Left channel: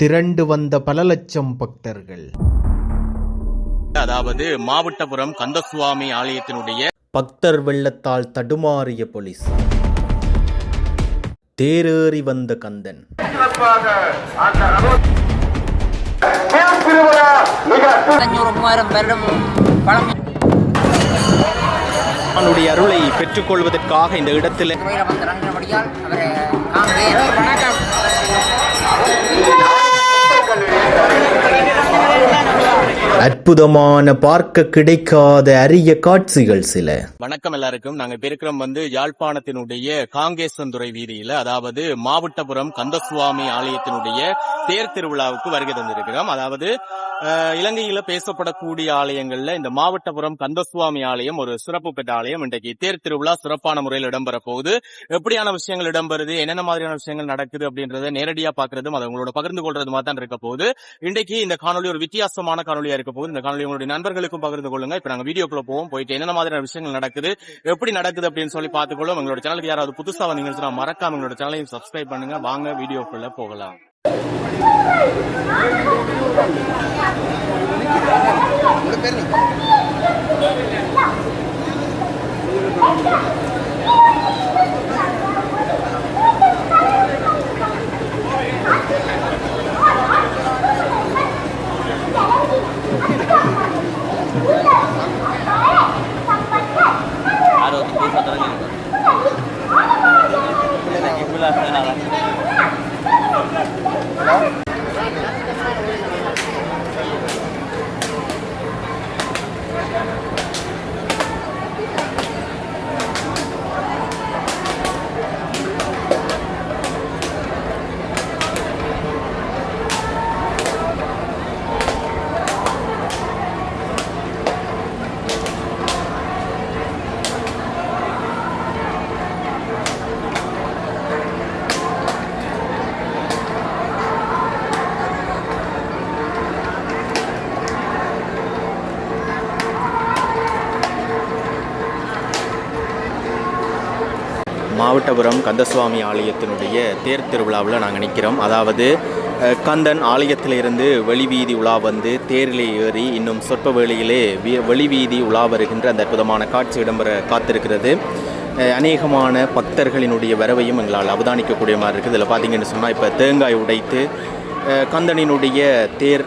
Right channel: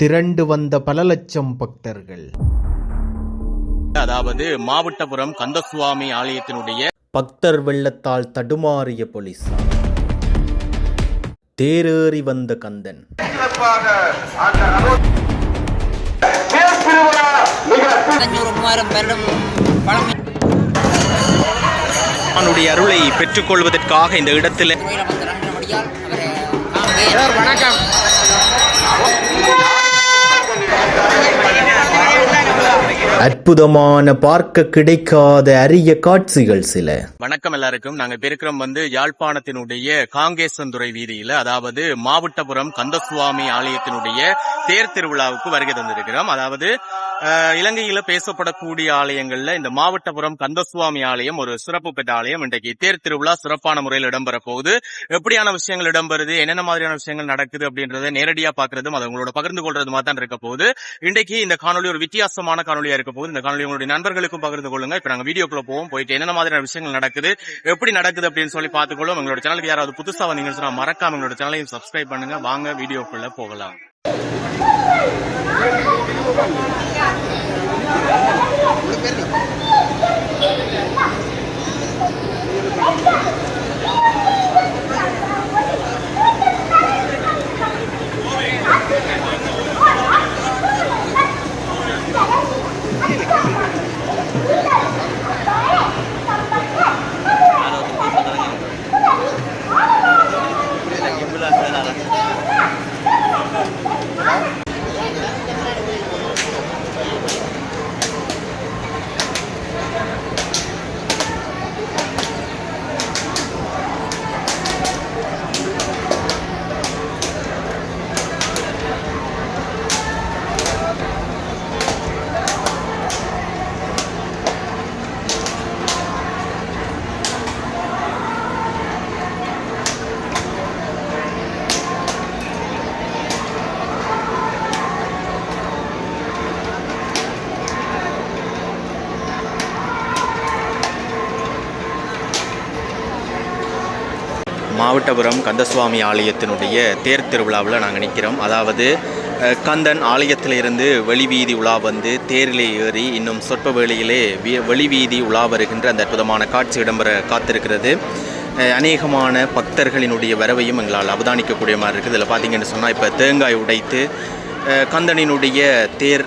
திரண்டு வந்த பல லட்சம் பக்தர்கள். அதாவது மாவட்டபுரம் கந்தசுவாமி ஆலயத்தினுடைய பக்தர் வெள்ளத்தால் தடுமாறிய போலீஸ். தேரேறி வந்த கந்தன். அவனுடைய அருளை பெற்றுக்கொள்வதற்காக இந்த இடத்தில் அற்புதமான பார்க்க கிடைக்காத அரிய காட்சிகள் சில. வணக்கம் எல்லாருக்கும். நாங்க இருக்கிறோம் யாழ்ப்பாணத்தினுடைய காங்கேசன்துறை வீதியில, அதாவது மாவட்டபுரம் கந்தசுவாமி ஆலயத்தினுடைய தேர் திருவிழாவுக்கு வருகை தந்திருக்கிறோம். அதாவது இலங்கையில பேசப்படக்கூடிய ஆலயங்கள்ல இந்த மாவட்டபுரம் கந்தசுவாமி ஆலயம் ஒரு சிறப்பு பெற்ற ஆலயம். இன்றைக்கு தேர் திருவிழா சிறப்பான முறையில் இடம்பெற போகுது. எப்படியான விஷயங்கள் இடம்பெறுது, என்னென்ன மாதிரியான விஷயங்கள் நடக்குது அப்படின்றத நேரடியா பாக்குறதும் அதை உங்களோட பகிர்ந்து கொள்றது மாதிரி தான் இருக்க போகுது. இன்றைக்கு இந்த காணொலி ஒரு வித்தியாசமான காணொலியா இருக்க போகுது. இந்த காணொலி உங்களுடைய நண்பர்களுக்கும் பகிர்ந்து கொள்ளுங்க. இப்ப நாங்க வீடியோக்குள்ள போவோம், போயிட்டு என்னென்ன மாதிரியான விஷயங்கள் நடக்குது, எப்படி நடக்குது அப்படின்னு சொல்லி பார்த்துக்கொள்ளும். எங்களோட சேனலுக்கு யாராவது புதுசா வந்தீங்கன்னு சொன்னா மறக்காம எங்களோட சேனலையும் சப்ஸ்கிரைப் பண்ணுங்க. வாங்க வீடியோக்குள்ள போகலாம். மாவட்டபுரம் கந்தசுவாமி ஆலயத்தினுடைய தேர் திருவிழாவில் நாங்கள் நிற்கிறோம். அதாவது கந்தன் ஆலயத்திலிருந்து வெளிவீதி உலா வந்து தேரிலே ஏறி இன்னும் சொற்ப வேளையிலே வெளிவீதி உலா வருகின்ற அந்த அற்புதமான காட்சி இடம்பெற காத்திருக்கிறது. அநேகமான பக்தர்களினுடைய வரவையும் எங்களால் அவதானிக்கக்கூடிய மாதிரி இருக்குது. இதில் பார்த்தீங்கன்னு சொன்னால் இப்போ தேங்காய் உடைத்து கந்தனினுடைய தேர்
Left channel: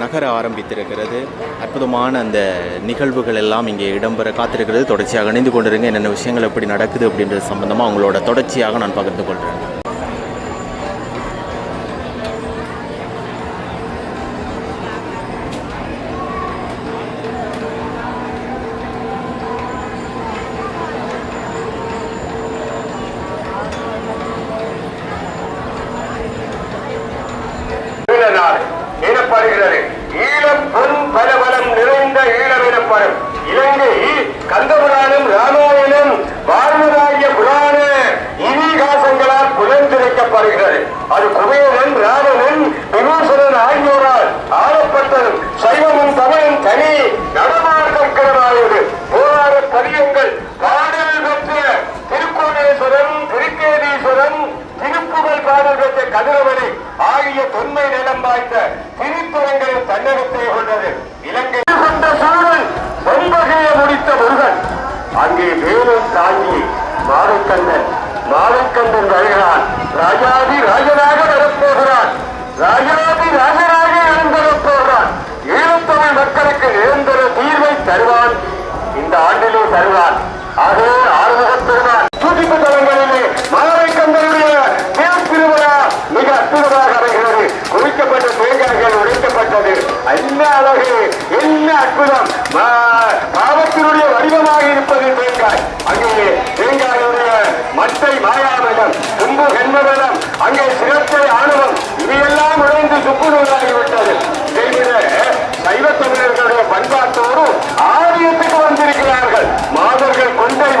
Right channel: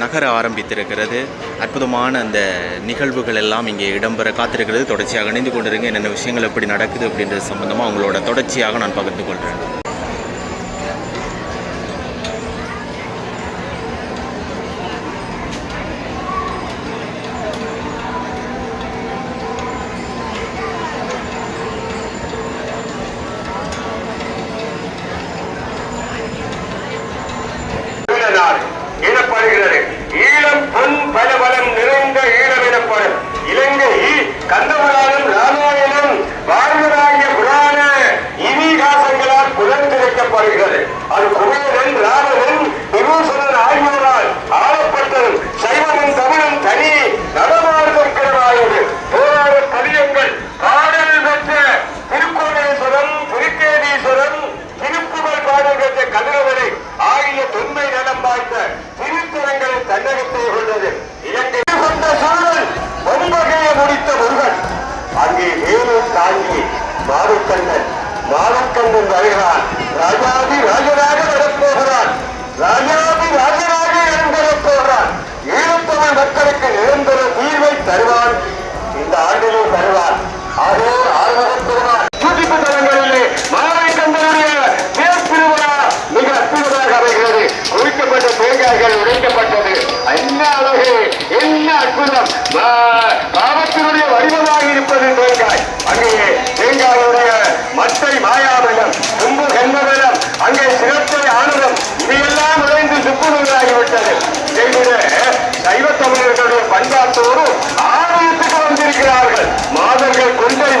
நகர ஆரம்பித்திருக்கிறது. அற்புதமான அந்த நிகழ்வுகள் எல்லாம் இங்கே இடம்பெற காத்திருக்கிறது. தொடர்ச்சியாக இணைந்து கொண்டிருங்க. என்னென்ன விஷயங்கள் எப்படி நடக்குது அப்படின்றது சம்பந்தமாக அவங்களோட தொடர்ச்சியாக நான் பகிர்ந்து கொள்கிறேன். ஈழம் பொன் பலபலம் நிறைந்த ஈழம் எனப்படும். இலங்கை கந்தபுராணம், ராமாயணம், வாழ்வாகிய புராண இதிகாசங்களால் புலர்த்திருக்கப்படுகிறது. அது குபேரன், ராவணன், விமூசனன் ஆகியோரால் ஆளப்பட்டதும் சைவனும் தமிழும் தனி நடமாடுகிறது. போராட பதியங்கள் பாடல் பெற்ற திருக்கோணேஸ்வரம், திருக்கேதீஸ்வரம், திருப்புகழ் பாடல் பெற்ற கதிரவனை ஆகிய தொன்மை நலம் வாய்ந்த திருத்தலங்களில் தன்னகத்தை கொண்டது. இலங்கை கொண்ட சூழல் ஒன்பகையை முடித்த முருகன் அங்கே வேலூர் தாங்கி மாவக்கண்ணன் வருகிறான். ராஜாதி ராஜனாக வரப்போகிறான். ராஜாதி ராஜனாக எழுந்தரப் போகிறான். ஈழத்தமிழ் மக்களுக்கு நிரந்தர தீர்வை தருவான். இந்த ஆண்டிலே தருவான். அதோ ஆர்வம் பெறுவான். துடிப்பு தலங்களிலே மாவக்கண்ணனுடைய மிக அற்புதமாக அமைகிறது. உழைக்கப்பட்ட தேங்காய்கள் உடைக்கப்பட்டது. என்ன அழகு, என்ன அற்புதம்! பாவத்தினுடைய வடிவமாக இருப்பது தேங்காய். அங்கே தேங்காயுடைய மட்டை மாயாவனம், தும்பு கண்மபலம், அங்கே சிரத்தை ஆணவம், இதையெல்லாம் உடைந்து சுக்குநூறாகிவிட்டது. இதைவிட சைவ தமிழர்களுடைய பண்பாட்டோடு ஆலயத்துக்கு வந்திருக்கிறார்கள். மாதர்கள் கொண்டை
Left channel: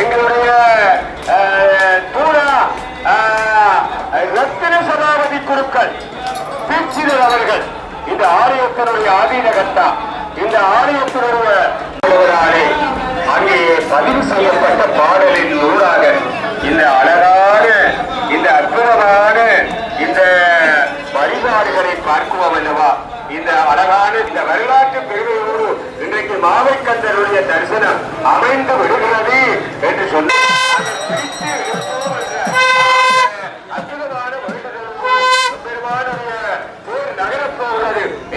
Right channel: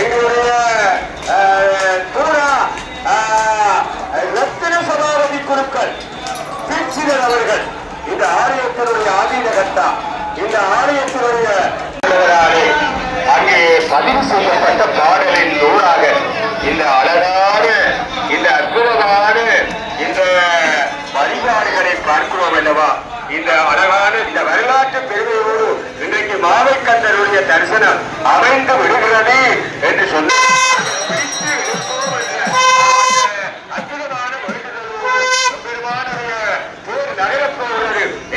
எங்களுடைய பூரா ரத்தின சபாபதி குருக்கள் தீட்சிதர் அவர்கள் இந்த ஆலயத்தினுடைய ஆதீனகர்த்தா, இந்த ஆலயத்தினுடைய அங்கே பதிவு செய்யப்பட்ட பாடலின் நூலாக இந்த அழகான இந்த அற்புதமான இந்த வழிபாடுகளை பார்க்கிறோம் அல்லவா. இந்த அழகான இந்த வரலாற்று பெருமையோடு இன்றைக்கு மாவைக்கந்தருடைய தரிசனம் அமைந்து விடுகிறது என்று சொன்ன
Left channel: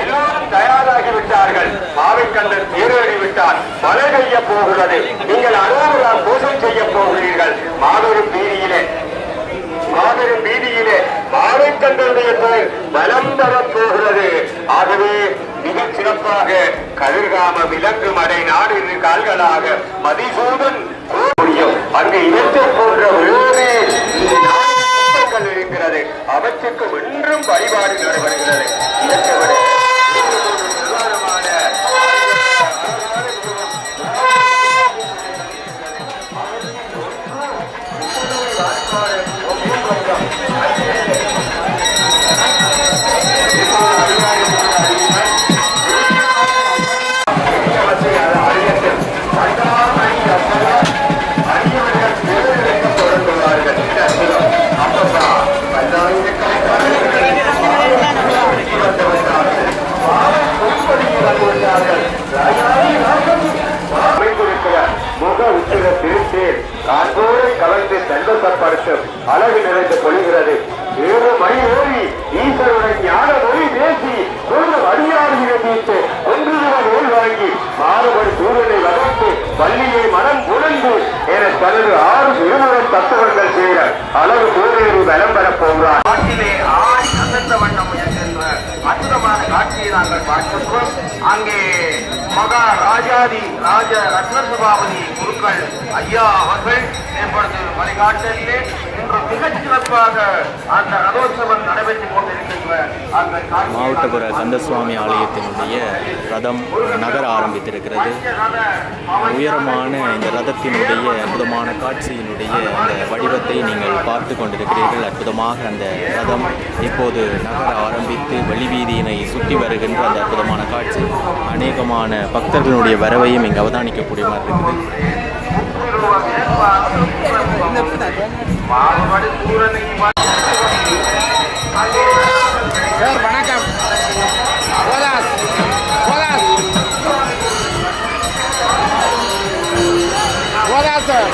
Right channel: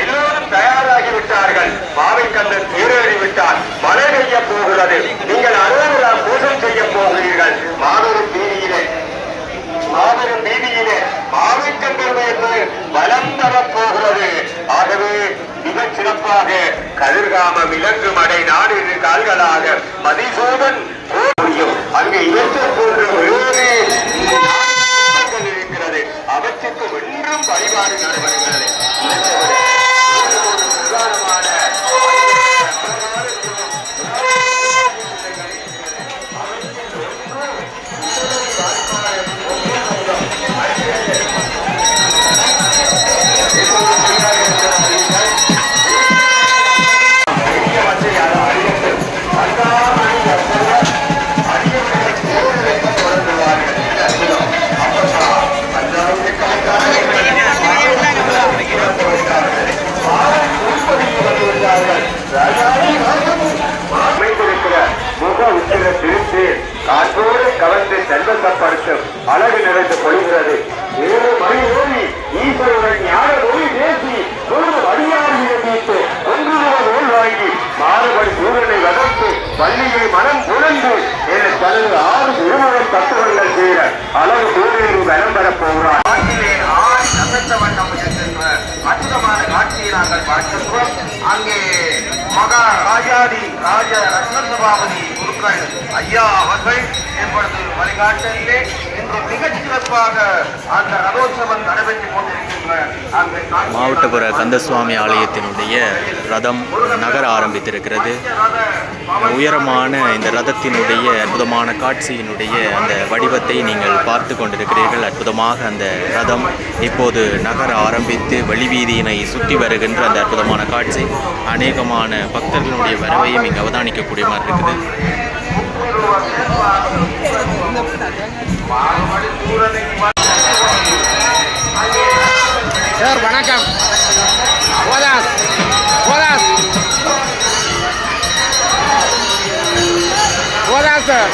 எல்லாம் தயாராகிவிட்டார்கள். மாவைக்கந்தர் தேரேறிவிட்டார். மழை பெய்ய போகிறது. நீங்கள் அறுபதாம் பூஜை செய்ய போகிறீர்கள். மாபெரும் வீதியிலே மாவைக்கந்தருடைய பேர் வலம் வரப் போகிறது. ஆகவே மிகச் சிறப்பாக கதிர்காம விலங்கு மடை நாடு கால்களாக மதிசூதன் அங்கு இலக்க போன்ற வேறு நாடுகள் இருக்கிறது. அவற்றுக்கு ஒன்றும் வழிபாடு நடைபெறுகிறது. அழகு நிறைந்து பொழிகிறது. 7 மணி ஓடி ஈஸ்வருடன் ஞான மொழி பேசி அடியாரியை மீட்டு ஒன்றுடன் வாங்கி மாணவர் சூழலை வளர்த்து பள்ளியை மனம் புலந்து என தனது 6 விடுமுறை பக்தர்கள் செய்த அளவு சூழலில் விளம்பர போகிறார். காட்டிலே அசத்த வண்ணம் என்கின்ற அற்புதமான காட்சியை நாங்கள் பார்க்கின்றோம். அங்கே மகா ராஜாதி ராஜ ரத்ன சபாபதி குருக்கள் ஐயா அவர்கள் இப்பொழுது வழிகாட்டிலே இன்று மிகச் சிறப்பாக அந்த ரதோற்சவம் நடைபெற்றுக் கொண்டிருக்கின்ற மாவட்டபுர கந்தசுவாமி ஆலயத்தினுடைய ரதம் நகர ஆரம்பித்திருக்கிறது. உயரமான இந்த ரதத்தினுடைய அற்புதமான காட்சியினுடைய அந்த வடிவத்தை நீங்கள் பார்த்து கொண்டிருக்கிறீர்கள். அற்புதமாக அந்த ரதம் இப்போது நகர ஆரம்பித்து வெளிவீதியினை சுற்றி வருகின்ற அந்த அற்புதமான காட்சி அநேகமான பக்தர்களுடைய வரவையும் இங்கு அவதானிக்கக்கூடிய மாதிரி இருக்குது. சார் வணக்கம். சார்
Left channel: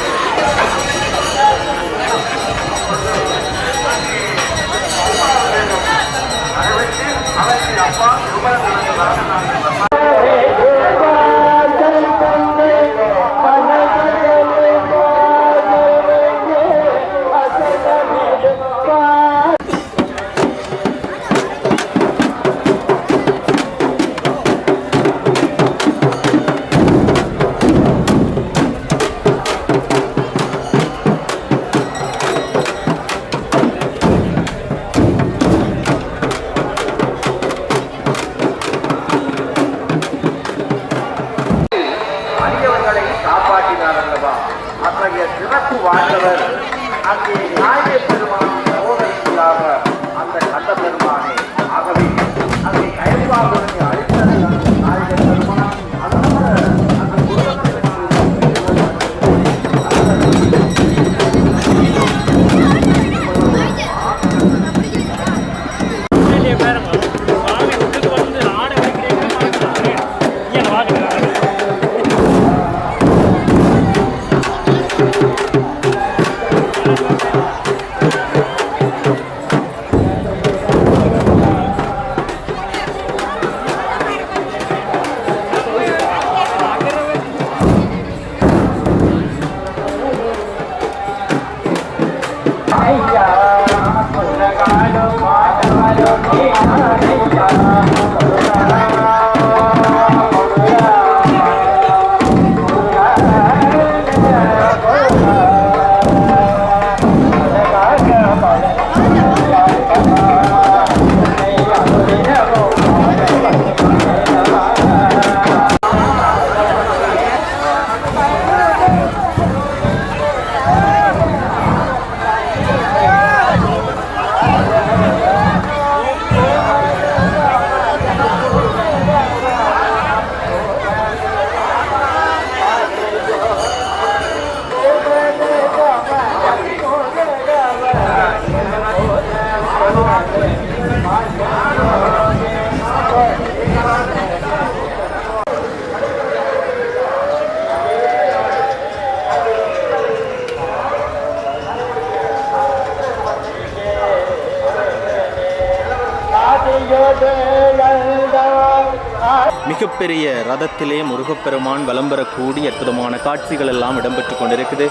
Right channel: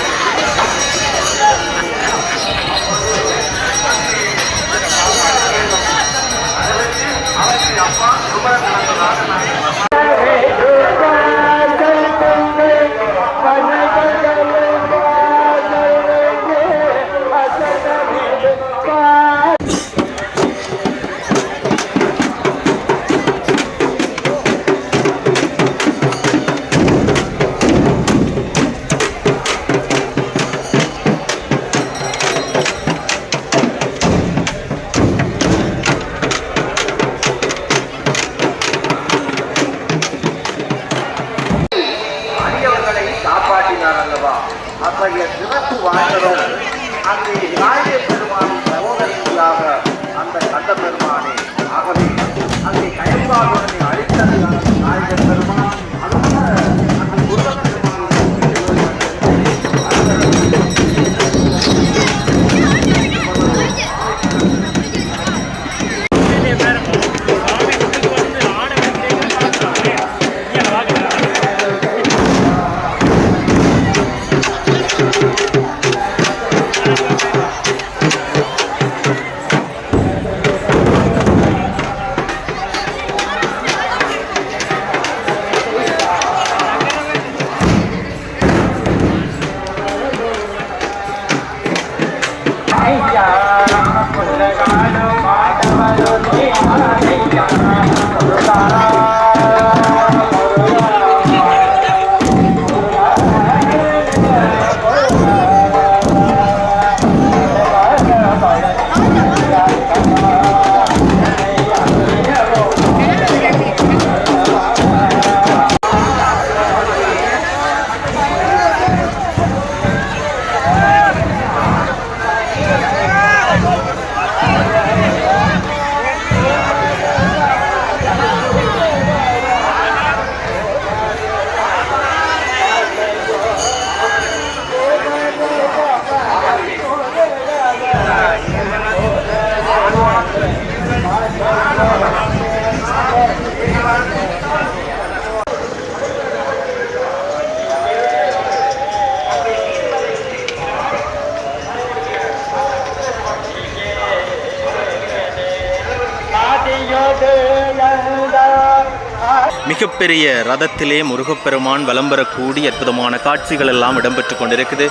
மிகப்பெரிய ரதத்திலே முருகப்பெருமான் வலம் வரக்கூடிய அற்புதமான காட்சிகள் எல்லாம் இடம்பெற்று கொண்டிருக்குது.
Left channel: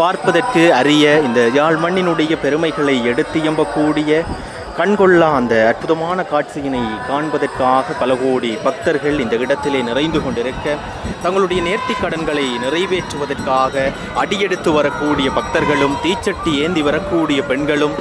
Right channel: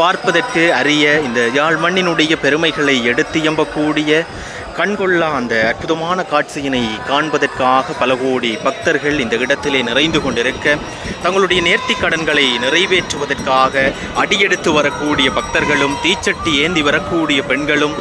பார்ப்பதற்கு அரிய இந்த யாழ் மண்ணினுடைய பெருமைகளை எடுத்து எம்பக்கூடிய கண்கொள்ளா அந்த அற்புதமான காட்சியினை காண்பதற்காக பல கோடி பக்தர்கள் இந்த இடத்திலே நிறைந்து கொண்டிருக்க, தங்களுடைய நேர்த்திக் கடன்களை நிறைவேற்றுவதற்காக அடியெடுத்து வரக்கூடிய பக்தர்களும், தீச்சட்டி ஏந்தி வரக்கூடிய பெண்களும்,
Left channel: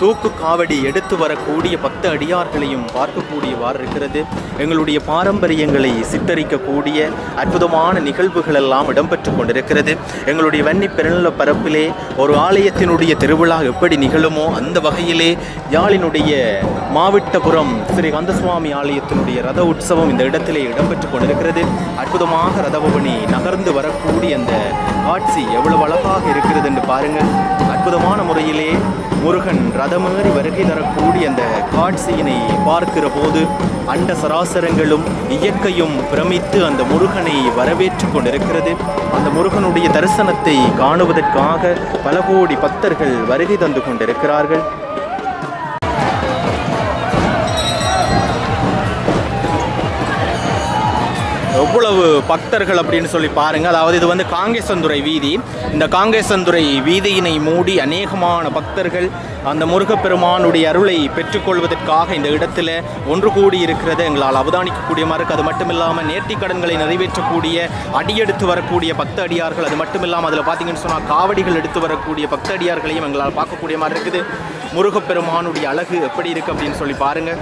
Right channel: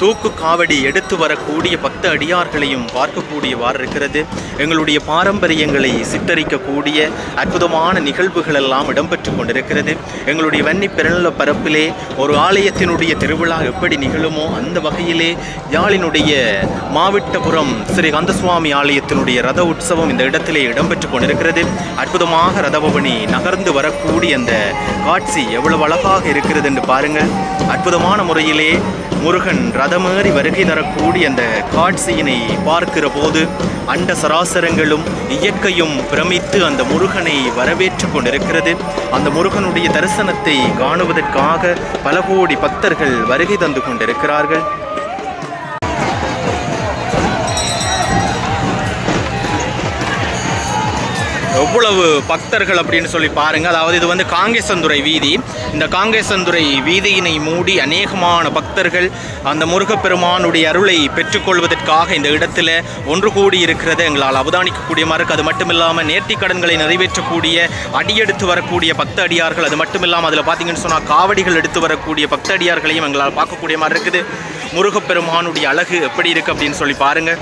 தூக்கு காவடி எடுத்து வரக்கூடிய பக்த அடியார்களையும் பார்க்கக்கூடியவாறு இருக்கிறது. எங்களுடைய பாரம்பரியங்களை சித்தரிக்கக்கூடிய அற்புதமான நிகழ்வுகள் எல்லாம் இடம்பெற்று கொண்டிருக்கிறது. எங்களுடைய வன்னி பெருநில பரப்பிலே ஒரு ஆலயத்தினுடைய திருவிழா எப்படி நிகழுமோ அந்த வகையிலே யாழினுடைய மாவிட்டபுரம் ஸ்ரீ கந்தசுவாமி ஆலயத்தினுடைய ரத உற்சவம் இந்த இடத்திலே இடம்பெற்று கொண்டிருக்கிறது. அற்புதமாக ரதபவனி நகர்ந்து வரக்கூடிய அந்த காட்சி எவ்வளவு அழகாக இருக்கிறது என்று பாருங்கள். அற்புதமான முறையிலே முருகன் ரதமேறி வருகை தரக்கூடிய அந்த காட்சியினை பார்க்கிற போது அண்ட சராசரங்களும் இயற்கையும் பிரமித்து அந்த முருகனை வரவேற்று கொண்டிருக்கிறது. அந்த முருகனுடைய தரிசனத்தை காணுவதற்காக பல கோடி பக்தர்கள் வருகை தந்து கொண்டிருக்கிறார்கள். எவ்வளவு பக்தர்கள் அப்படின்னு சொல்லி பாருங்கள். அதாவது இது வந்து காங்கேசந்துறை வீதி. இந்த காங்கேசந்துறை வீதியினை மூடி அநேகமான பக்தர்கள் அந்த முருகப்பெருமானுடைய அருளை பெற்றுக்கொள்வதற்காக இந்த இடத்துல ஒன்று கூடி இருக்கிறது எங்களால் அவதானிக்கக்கூடிய மாதிரி இருக்குது. அது மட்டும் இல்லாமல் நேர்த்திக் கடன்களை நிறைவேற்றக்கூடிய அடியெடுத்து வரக்கூடிய பக்த அடியார்கள், அது மட்டும் இல்லாமல் அதில் பார்த்தீங்கன்னு சொன்னால் காவடிகள் எடுத்து வரக்கூடிய பக்த அடியார்களையும் எங்களால் பார்க்கக்கூடிய மாதிரி இருக்குது. முருகப்பெருமானுடைய அழகு எப்படி இருக்குது அப்படின்னு சொல்லி பாருங்கள்.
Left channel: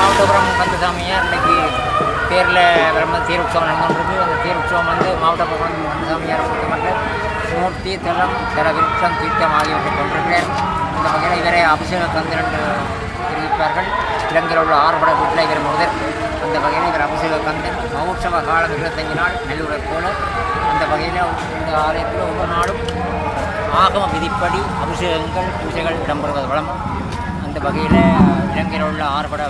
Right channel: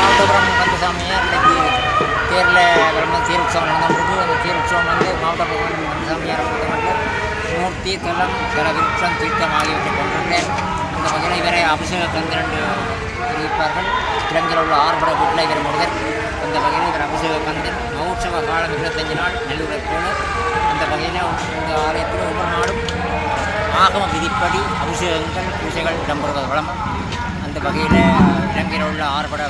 மாவட்டபுரம் கந்தசாமியார் இன்றைக்கி தேரில் வரும்போது தேர் உற்சவம் நடந்துகிட்டு அந்த தேர் உற்சவம் வந்து மாவட்டபுரம் கந்தசாமியாரை பொறுத்தமட்டில் மூர்த்தி, தலம், விருட்சம், தீர்த்தம் ஆகியவற்றை கொண்டிருக்கிறார். அந்த வகையில் இவரை அபிஷேக கந்தன் என்று தெரிவிப்பார்கள். இலங்கையில் உள்ள ஆறுபட வீட்டில் இவர் முதல். அந்த வகையில் இவர் அபிஷேக கந்தன். மகோற்சவ காலம் 25 நாள் நெல்லூரை போல. அந்த வகையில் இந்த ஆலயத்தில் ஒவ்வொரு நாளும் ஆகம விதிப்படி அபிஷேகங்கள், பூஜைகள் இடம்பெறுவது வழக்கம். அந்த வகையில் இலங்கையில் உள்ள ஆறுபட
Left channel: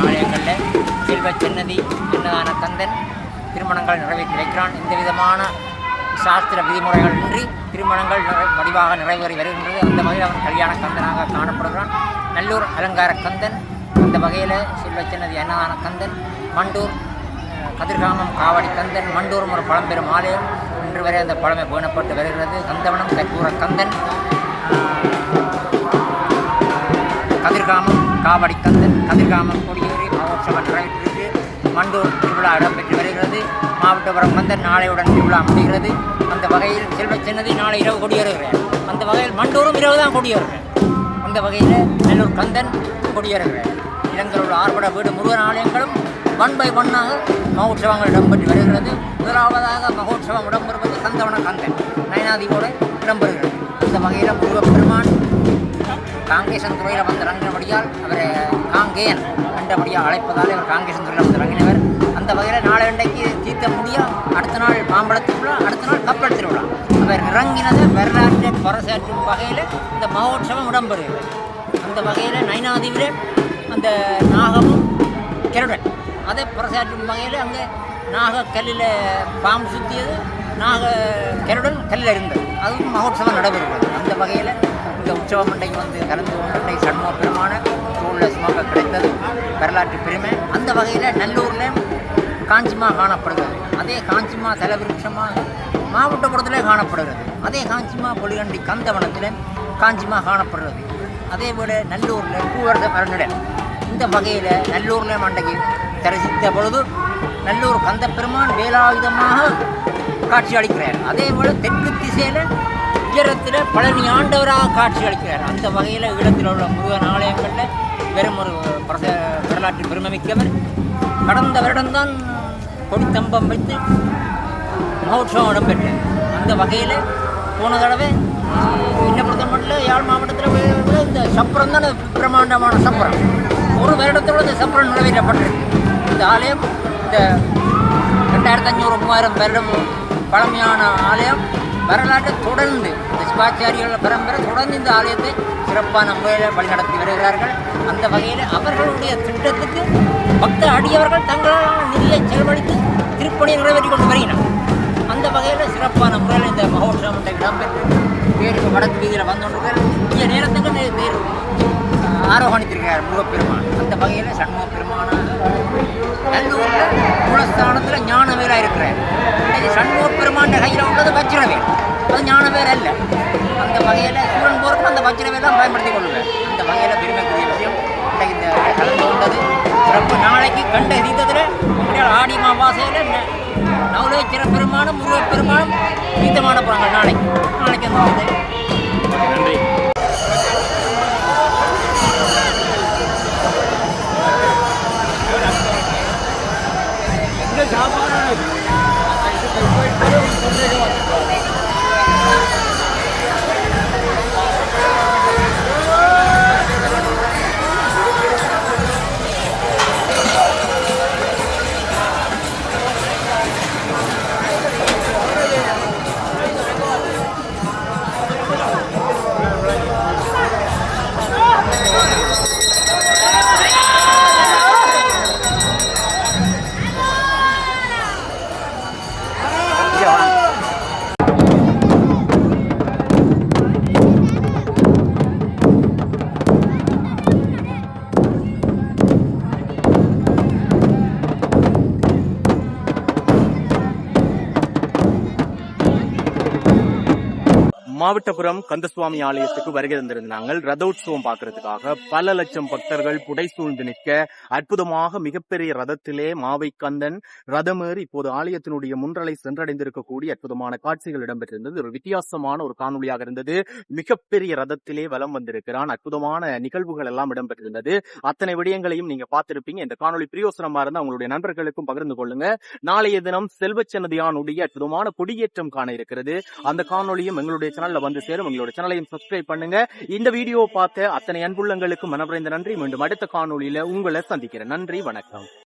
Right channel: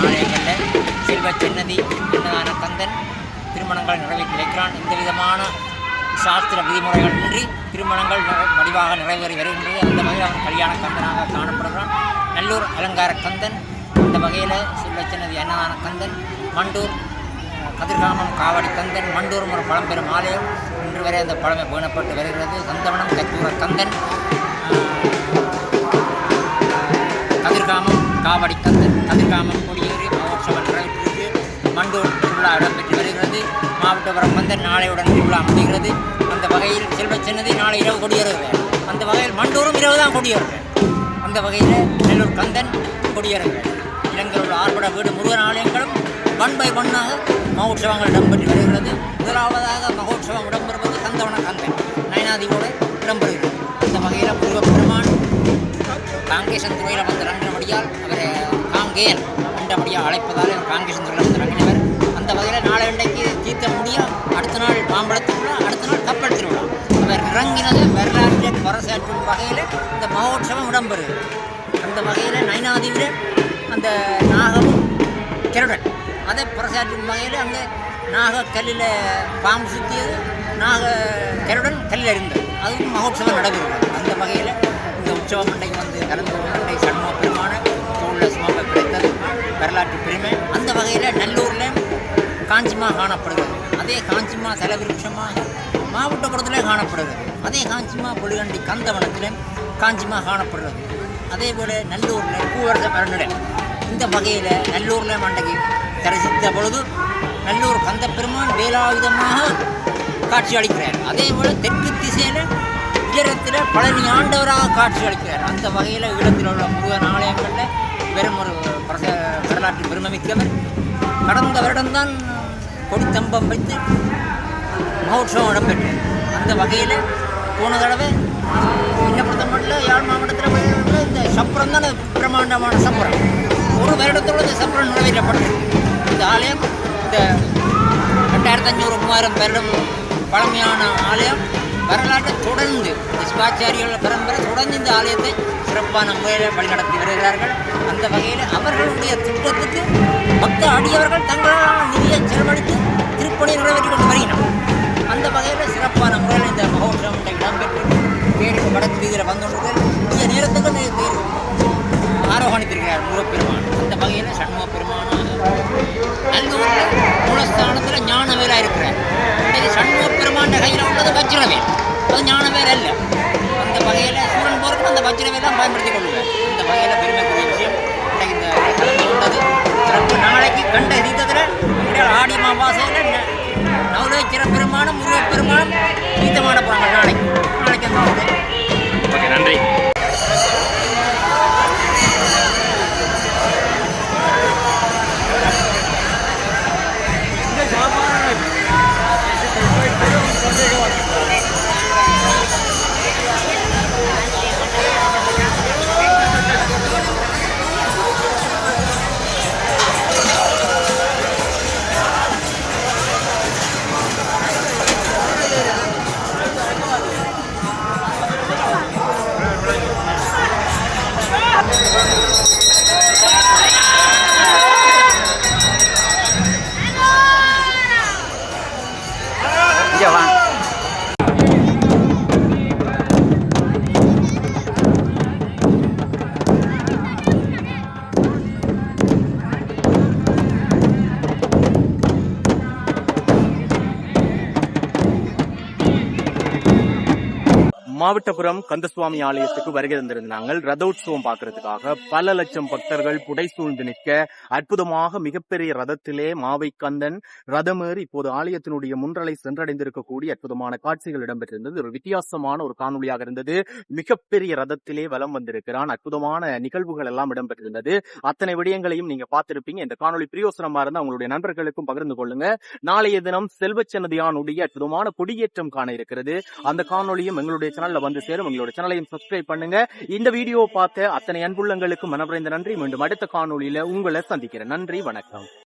ஆலயங்களில் செல்வ சன்னதி அன்னதான கந்தன் திருமணங்கள் நிறைவேற்றிருக்கிறான். இந்த விதமான சாஸ்திர விதிமுறைகள் இன்றி திருமணங்கள் வடிவாக நிறைவேறி வருகின்றது. அந்த வகையில் அவன் கல்யாண கந்தனாக காணப்படுகிறான். நல்லூர் அலங்கார கந்தன். அந்த வகையில் செல்வ சன்னதி அன்னதான கந்தன். மண்டூர் கதிர்காமம் காவடி கந்தன். மண்டூரும் ஒரு பழம்பெரும் ஆலயம். இன்று வரை அந்த பழமை பேணப்பட்டு வருகிறது. கந்தவனம் கற்பூர கந்தன். கதிர்காமம் காவடி கந்தன். கதிர்காமம் கொடியேறி மகோற்சவம் நிறைவேற்றிருக்கு. மண்டூர் திருவிழா இடம்பெற்று வருகிறது. மாவட்டபுரம் கந்தன் நாளையுடன் திருவிழா முடிகிறது. அந்த வகையில் செல்வ சன்னதி நாளை இரவு கொடியேறுகிறார். அந்த வகையில் மண்டூரும் இரவு தான் கொடியேறுகிறார். அந்த வகையில் நெல்லூர் கந்தன் கொடியேறுகிறார். இலங்கையில் உள்ள ஆறுபட வீடு முருகன் ஆலயங்களும் 1 by 1 மகோற்சவங்கள் இடம்பெற்று வருகிறது. முதலாவதாக மகோற்சவம் இடம்பெறுவது கந்தவன கந்தன் நயனாதியோடு இடம்பெறுகிறது. அந்த வகையில் முருகப்பெருமான் காங்கேசன் துறையில் வந்து இறங்கினபடியால் அவரை காங்கேயன் என்றபடியாக அழைப்பதால் அவர் காங்கேசன் துறையில் வந்து இறங்கினவர். அந்த வகையில் நாளை இன்றைக்கு தீர்த்த முடியும். அடுத்த நாள் மாம்பழ திருவிழா, அடுத்த நாள் கப்பல் திருவிழா. அவர் இறங்கினதை வரலாற்றை பறைசாற்றும் வகையில் இந்த மகோற்சவம் இடம்பெறுகிறது. அந்த வகையில் நயனாதிவிரர் அந்த நாகமும் கருடன் அதை பறைசாற்றும் வகையில் அங்கே நாகக்கல்லில் பாம்பு சுற்றியது, நாக கருடன் கல்லில் இருந்தது. அதுவும் மகோற்சவம் நடைபெறுகிறது. அந்த வகையில் இந்த உற்சவம் இன்றைக்கு வந்து கலந்து கொண்டு சண்முக பெருமான தோளில் சுமக்க கிடைத்தது வரலாற்று பெருமை. அந்த வகையில் நல்லூரில் காஞ்சிமா காணப்படுகிறது. அதே காஞ்சிமா தலவிருட்சமாக மாவட்டபுரத்திலே காணப்படுகிறது. அதே காஞ்சிமா பொலிகண்டி கந்தவனத்தில் காஞ்சிமா காணப்படுறது. அதே போல் நல்லூரில் பூவரச மரநிலை. இந்த வகையில் நல்லூரில் மண்டைக்கு தரிசித்த பொழுது நல்லூர் கந்த பெருமான் வேலாயுதமாக காட்சி அளிக்கிறார். அதே போல் தெற்கு திசையில் உயரத்தில் பழனி ஆண்டவராக காட்சி அளிக்கிறார். அந்த வகையில் ஈழத்தில் உள்ள முருகன் ஆலயங்களில் வெறும் ஒரு வரலாற்று பெருமைமிக்கவர். கடந்த வருடம்தான் கொடித்தம்பம் வைத்து மகோற்சவம் இடம்பெற்றது. அந்த வகையில் போன தடவை என்ன பொறுத்த மட்டும் யாழ் மாவட்டத்தில் இந்த சப்பரம் தான் பிரமாண்டமான சப்பரம். ஒரு வருடத்தோடு இந்த சப்பரம் நிறைவேற்றப்பட்டிருக்கு. இந்த ஆலயம் இந்த 2500-3000 வருடம் பழமையான ஆலயம் வரலாற்றை தொடர்ந்து சிவாச்சாரிகள் பரம்பரை தொடர்ந்து இந்த ஆலயத்தை சிறப்பான முறையில் வழிநடத்தி வருகிறார்கள். அந்த வகையில் அவர்களுடைய திட்டத்துக்கு பக்த அடியவர்கள் தங்களான நிதியை செலவழித்து திருப்பணியை நிறைவேற்றி கொண்டு வருகிறார். அந்த வகையில் சிறப்பான முறையில் இந்த மகோற்சவம் இடம்பெற்று தேர் வடக்கு வீதியில் வந்துள்ளார்கள். புதிய நேரத்துக்கு தேர் ஆரோகணித்திருக்கிறார் முருகப்பெருமான். அந்த வகையில் சண்முக பெருமானாக நல்லூரில் மூலஸ்தானத்தில் ஞானவேலாக இருக்கிறார். இன்றைக்கு சண்முக பெருமான் கையில் உள்ளது வஜ்ரவேல், அது ஞானவேல் அல்ல. அந்த வகையில் சூரன் போருக்கு அந்த வஜ்ரவேலாம் பயன்படுத்தி கொள்ளுவார். அந்த வகையில் பெருமைக்குரிய விஷயம் இன்றைக்கு இந்த கலந்து கொண்டது சிறப்பு. நாளைக்கு கண்ட எரித்ததில் எங்களுடைய ஆடி மாவாசையில் நவலேச்சர பெருமானும் முருகப்பெருமானும் தீர்த்தமான போகிறாங்க. நாளைக்கு அந்த ஓகே, நன்றி. மாவட்டபுரம் கந்தசுவாமி ஆலயத்துக்கு வருகை தந்திருந்தாங்க. ரதோற்சவம் பார்க்கறதுக்காக பல லட்சம் பக்தர்கள் புடைசூழ்ந்து நிற்க அற்புதமாக மிகப்பெரிய ரதத்திலே மாவை கந்தன் ரதமேறி இப்போது ஆலயத்தினுடைய முன்றலை சென்றடைந்திருக்கக்கூடிய அற்புதமான காட்சிகள் இடம்பெற்றிருந்தது. ஒரு வித்தியாசமான ஒரு காணொலியாக இருந்தது. மிகப்பெரிய ரதத்திலே வலம் வந்திருக்கிறான். அற்புதமான நிகழ்வுகள் எல்லாம் இடம்பெற்றிருந்தது. அத்தனை விடயங்களையும் நீங்க பார்த்திருப்பீங்க. இந்த காணொலி பிரியோசனமா இருந்தா உங்களுடைய நண்பர்களுக்கும் பகிர்ந்து கொள்ளுங்க. நாளைய தினம் செல்வச்சன்னதியானுடைய அற்புதமான கொடியேற்றம் காண இருக்கிறது. அந்த காணொலியும் எங்களுடைய சேனல்ல வந்து சேரும். எங்களுடைய சேனலையும் சப்ஸ்கிரைப் பண்ணுங்க. இந்த வீடியோ பார்த்த அத்தனை அன்புள்ளங்களுக்கு மனம்நிறைந்த நன்றி. மீண்டும் அடுத்த காணொலியில உங்களை சந்திக்கிறேன். நன்றி, வணக்கம்.